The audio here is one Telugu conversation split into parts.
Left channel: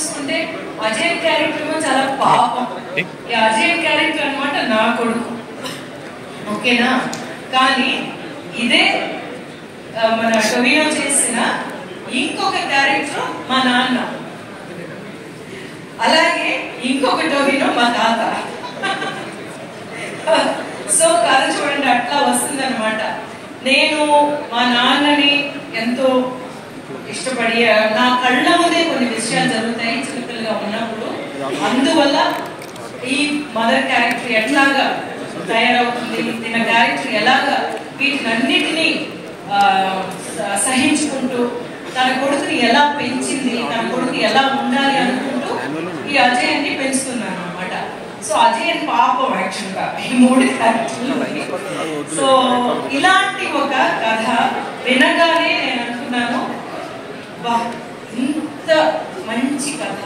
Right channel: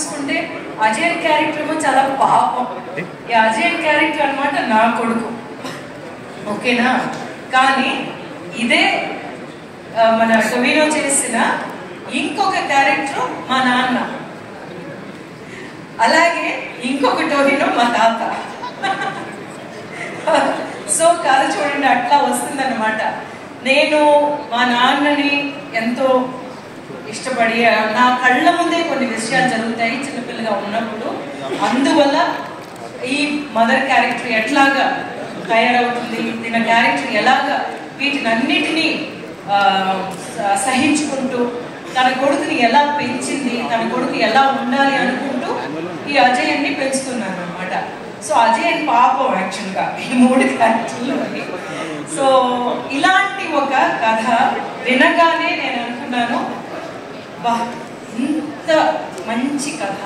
చూసుకుంటే అజయ్ క్యారెక్టర్ ఏమో చాలా పాపం. ఈ అజయ్ క్యారెక్టర్ అన్నమాట నా కొడుకు, ఓకేనా? కానీ ఇదే మన టొవినో చేసిన ఇంకొక క్యారెక్టర్ మా నాన్న, అలాగే ఇంకొక టొవినో మా తాత. సో కథ చూడండి అట్లా వస్తుంది అనమాట. నేను మా నాన్నని ఎంతో ఇష్టపడి నా కళ్ళ ముందే కొన్ని విషయాలు జరుగుతాయి చిన్నపిల్లగా ఉన్నప్పుడు. అందువల్ల ఈ మదర్ క్యారెక్టర్ ఎట్లాగా తయారవుతుంది, తన క్యారెక్టర్ ఎలాగా వీటినన్నిటినీ సహించుకుంటూ తన కొడుకుని ఎలా పెంచింది, తన కొడుకు ఎలా ఉండాలి అనుకుంటూ ఈ అజయ్ని పెంచుతున్నాను అనమాట. సో అజయ్ పాపం యాక్చువల్గా ఈ 3 క్యారెక్టర్లు. సో ఇలాంటి ఒక కథ వినగానే నేను అనుకున్నాను, వా ఇంత మంచి కథ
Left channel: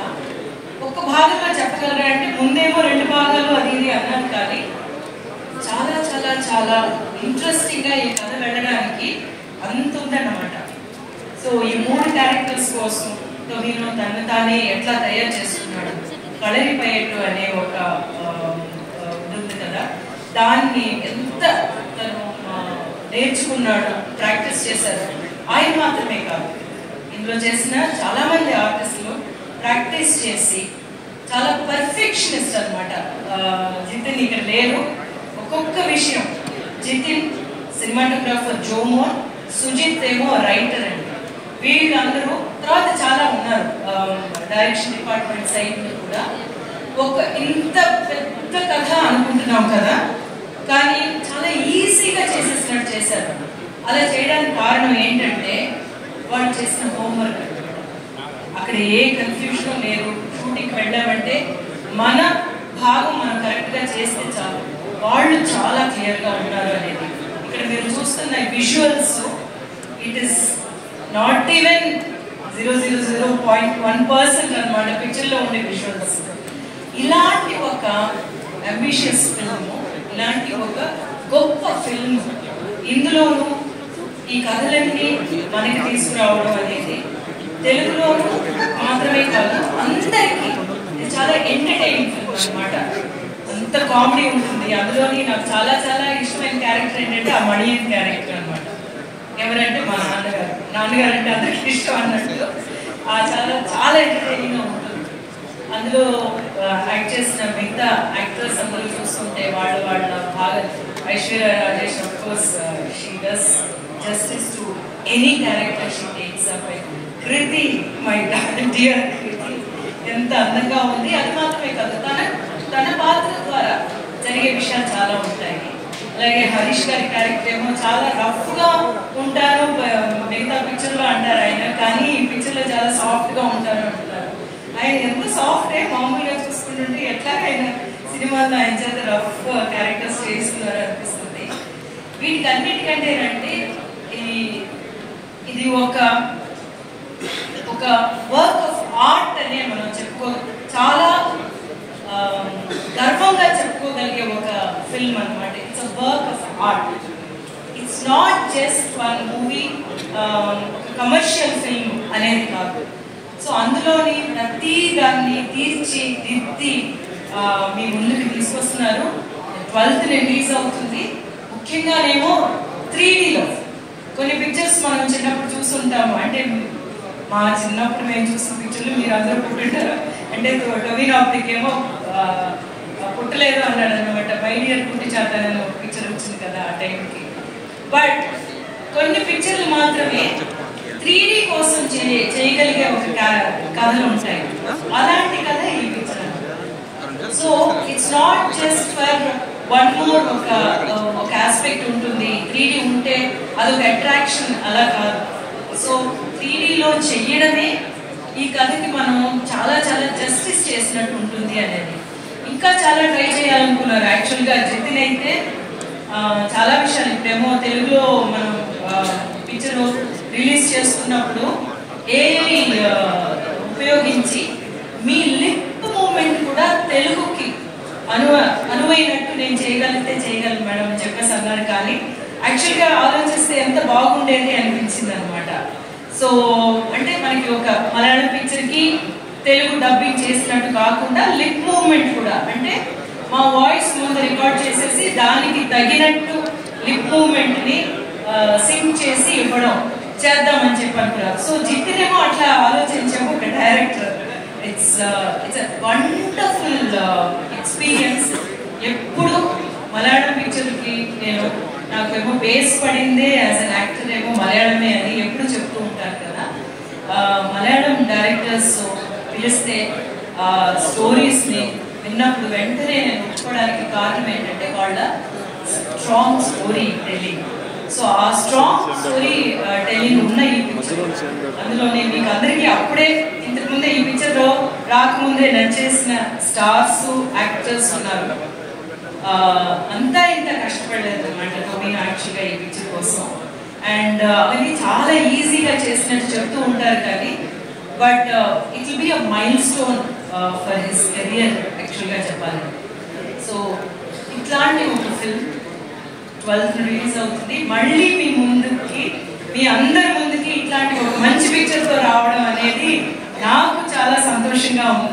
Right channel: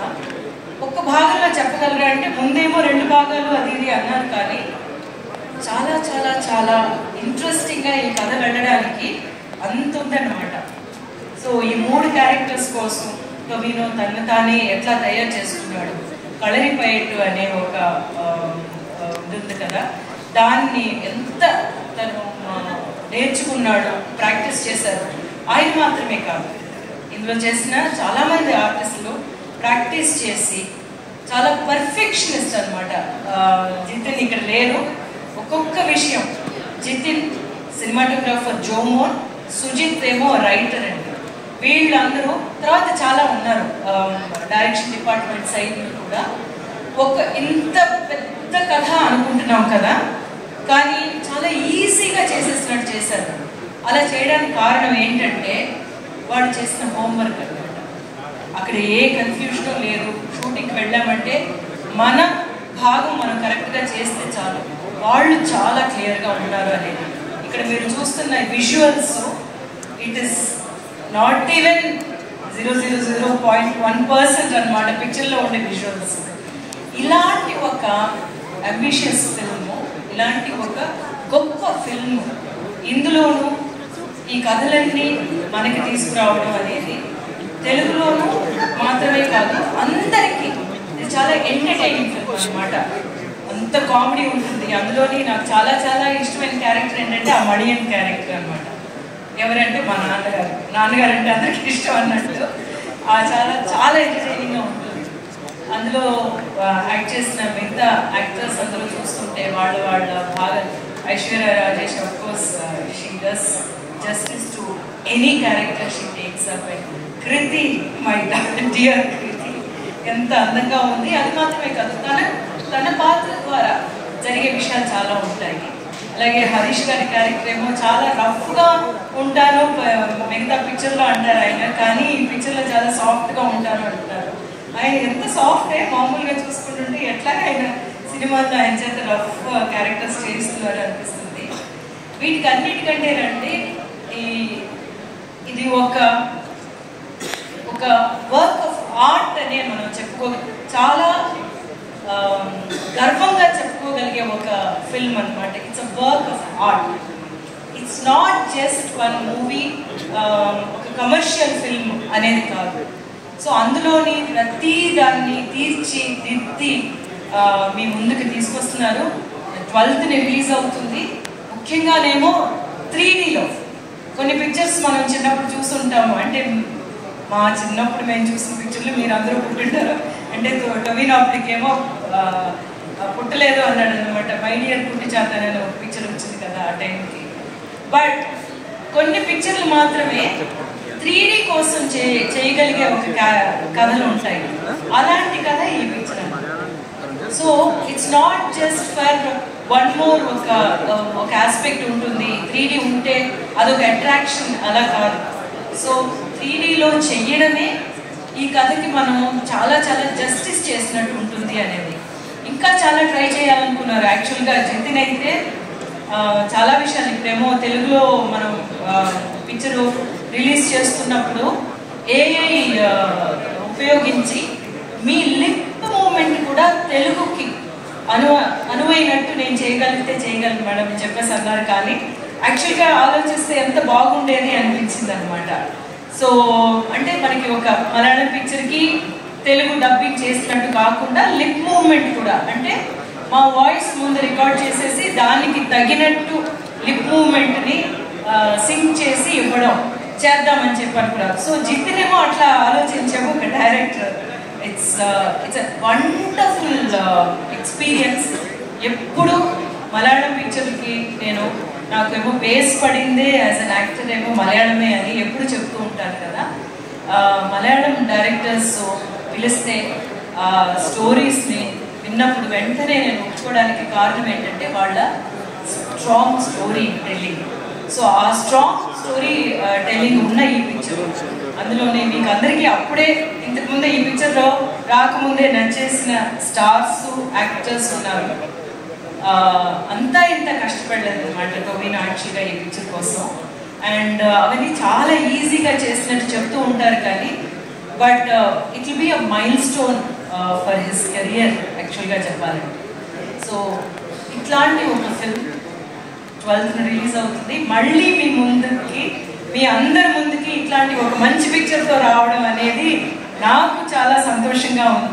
ఒక భాగంలో చెప్పగలరా అంటే, ముందేమో 2 భాగాలు అది ఇది అన్నారు, కానీ చాలా చాలా చాలా ఇంట్రెస్టింగ్ గా ఈ కథ వెళ్ళడానికి అంత ఉందన్నమాట. సో ఈ 3 క్యారెక్టర్స్ కోసం టొవినో తను తానే ఎట్లా తయారు చేసుకున్నాడు, కళరిపయట్టు అనే ఒక ఉంది కదా, దాన్ని ఎంత తను నేర్చుకున్నాడు, ప్రాక్టీస్ చేశారు. ఆయన మాత్రమే కాదు, ఇందులో చేసిన చాలా మంది ఆర్టిస్టులు ప్రాక్టీస్ చేసి చాలా పర్ఫెక్షనిస్ట్ అనమాట. జితిన్ ఇక్కడ లేరు, ఒక్కొక్క విషయం జితిన్ సినిమాటోగ్రాఫర్, జోమోన్, సుజిత్ ఏమో రైటర్ అండి. వీళ్ళందరూ తర్వాత చాలా ఉన్నారు డైరెక్షన్ డిపార్ట్మెంట్ సైడ్ కూడా. ఒక ఇంత పెద్ద కథ అనుకుంటున్నాం కదా, కానీ చాలా ఈజీగా చేసేసినట్టు చేశారు. అలా చేయడానికి కారణం ఏంటంటే వాళ్ళు చేసిన హోంవర్క్ అనమాట. అక్కడ ఏ కన్ఫ్యూజన్ లేదు. షూటింగ్కి వెళ్ళామంటే మన భాగం మనం కరెక్ట్గా చేస్తే చాలు, వాళ్ళు చాలా క్లియర్గా ఉన్నారు అనేది. ఇక్కడ మీరు చూస్తున్న visuals, it is not even 0.1% అనమాట పిక్చర్లో ఉండే విజువల్స్. ఇలాంటి ఒక అంబిషియస్ ఫిల్మ్, ఇలాంటి ఒక గొప్ప ఫిల్మ్, ఇందులోనూ ఈ కథలన్నీ మనకి తీసుకురావడం అనేది తెలుగులోనూ మాత్రమే కాదు, అందరికీ ఇది చాలా ఎంటర్టైనింగ్ ఫిల్మ్ అనమాట. అంత కామెడీ ఉంటుంది అందులోని. నాకు చాలా చాలా ఇష్టమైన క్యారెక్టర్ ఏంటంటే ఆ మణియన్ క్యారెక్టర్ అనమాట. ఎవరంటే మా నాన్నగారు. నాన్నగారు అంటే అందరికి ఇష్టం అన్నట్టు. చాలా చాలా ఎంటర్టైనింగ్ గా ఉంటుంది. అందులో యాక్ట్ చేసిన మిగతా యాక్టర్స్ అందరూ చూస్తుంటే వాళ్ళ బాగా, Aishwarya Rajesh of course she does justice to any character she takes up. Kriti, my dear Kriti, ఎంత అందంగా ఉంది. అది మాత్రమే కాదు, తన పాత్ర ద్వారా జరిగే విషయాలు చాలా ఉంటాయి. అలాగే హరీష్ గారి క్యారెక్టర్ ఏమో చాలా రఫ్ గా ఉంటారు, మిగతా పిక్చర్ లో అంటారు ఆయన, కానీ ఈ పిక్చర్ లో చాలా సాఫ్ట్ గా ఉంటారు అంటున్నారు. ఆయన ఎంత సాఫ్ట్, మామూలుగా చూసుకుంటుంటే ఎట్లా ఆయన సినిమాలో ఆయన చేత రఫ్ క్యారెక్టర్స్ చేస్తున్నారు అనిపిస్తుంది. వీటికి అన్నిటికంటేనంటే ఇది ఒక వర్క్ ఆఫ్ ఆర్ట్ అనే మనం చాలా గర్వంగా చెప్పుకోగలిగే ఒక ఫిల్మ్ అనమాట. It's a work of art. It's not just one movie, ఒక కమర్షియల్ ఫిల్మ్ అనేది కాదు. సో అందులోని ప్రతి దాన్ని తీర్చిదిద్ది మీ ముందుకు తీసుకొస్తున్నారు. 12th రిలీజ్ అవుతుంది. ముఖ్యంగానేమో 3Dలో కొన్ని పిక్చర్స్ మనం చిన్నప్పుడు చూస్తుంటాము. అంటే మా చిన్నప్పుడు మేము చూసిన పిక్చర్లు మీరు అందరూ పుట్టింటారు. అంటే టొవినో అప్పటికేమో పుట్టలేదు అన్నాడు అనమాట. మై డియర్ పుట్టి చేతనని ఒక పిక్చర్ వచ్చింది కదా ఆ టైంకి. బట్ కొన్ని పిక్చర్లు మాత్రమే 3D కోసం చేయగలిగే ఒక కథలు ఉంటాయి. అలాంటి కథ ఈ పిక్చర్ అనమాట. So it's not just for one more ఒక ఆస్పెక్ట్ ఉంటుంది. 3D ఉంటే అదొక అట్రాక్షన్, అలా కాదు. సో 3Dలో చెయ్యడమే ఈ కథకి మనం చాలా చాలా జస్టిస్ చేసినట్టు ఉంటుంది అనేది. ఇంకా చాలా ట్రై చేయాలనుకున్నారు యాక్చువల్గా జితిన్ అయితే. చాలా విషయాలు ఇప్పుడేమో తెలుగులో మనం పిక్చర్ రిలీజ్ చేస్తున్నప్పుడు ఏఐ ఉపయోగించి మీ లిప్ మూమెంట్ కూడా తెలుగుకి అనువైనట్టు నేను చేయగలను మేడం అని చెప్పేసి అన్నారు. కానీ యాక్చువల్గా ఆలోచిస్తే ఎంత బాగుండేది అనిపించింది అనమాట. సో అంటే మనకి ఒక మలయాళం పిక్చర్కి తెలుగు డబ్బింగ్ చేసినట్టు కాకుండా లిప్ మూవ్మెంట్ కూడా, అంటే మా వాయిస్ ముందు రికార్డ్ చేసేసి దానికి తగినట్టు లిప్ మూవ్మెంట్ ని సింక్ చేసి ఇవ్వడం చేద్దామని చెప్పి అనుకున్నారు. సో జితినేమో అట్లా ఆలోచించాము ఒక డైరెక్టర్. It's wonderful experience. ఎప్పుడు మలయాళం పిక్చర్కి నాకేమో బేస్ పడిందే యాజ్ అన్ యాక్టర్ ఏమో మలయాళమే అని ఎప్పుడు చెప్తూ ఉంటారు కదా. మలయాళం డైరెక్టర్స్ పిలిస్తే స్టోరీస్ ని విన్నప్పుడు వెంటనే నేను ఒప్పుకోవడానికి కారణం ఏంటంటే వాళ్ళ స్ట్రాంగ్ స్టోరీ టెల్లింగ్. సో ఆ స్ట్రాంగ్ స్టోరీ టెల్లింగ్ ఉన్న ఈ పిక్చర్, అందులోనే మీకు అందరికీ అప్పుడే ఇంతకుముందే ఈ పిక్చర్ లో రాకముందే నచ్చేసిన స్టార్స్ యాక్టర్స్ ఉన్నారు. అంతా ఇంత కష్టపడలేదు అనమాట మీనాక్షిగా ఈ పిక్చర్ కోసం. అండ్ అవన్నీ చాలా ఈజీగా చేసినట్టు చెప్తూ ఉంటారు కానీ but it will be a mile stone for his career యాక్చువల్గా చెప్పాలి. సో ఇట్లాంటి ఒక ఫిల్మ్ 12th రిలీజ్ అవుతుంది. మళ్ళీ మీ అందరి ముందుకి ఇట్లాంటి ఒక మంచి పిక్చర్తో రావడం అనేది నాకు చాలా సంతోషంగా ఉంది.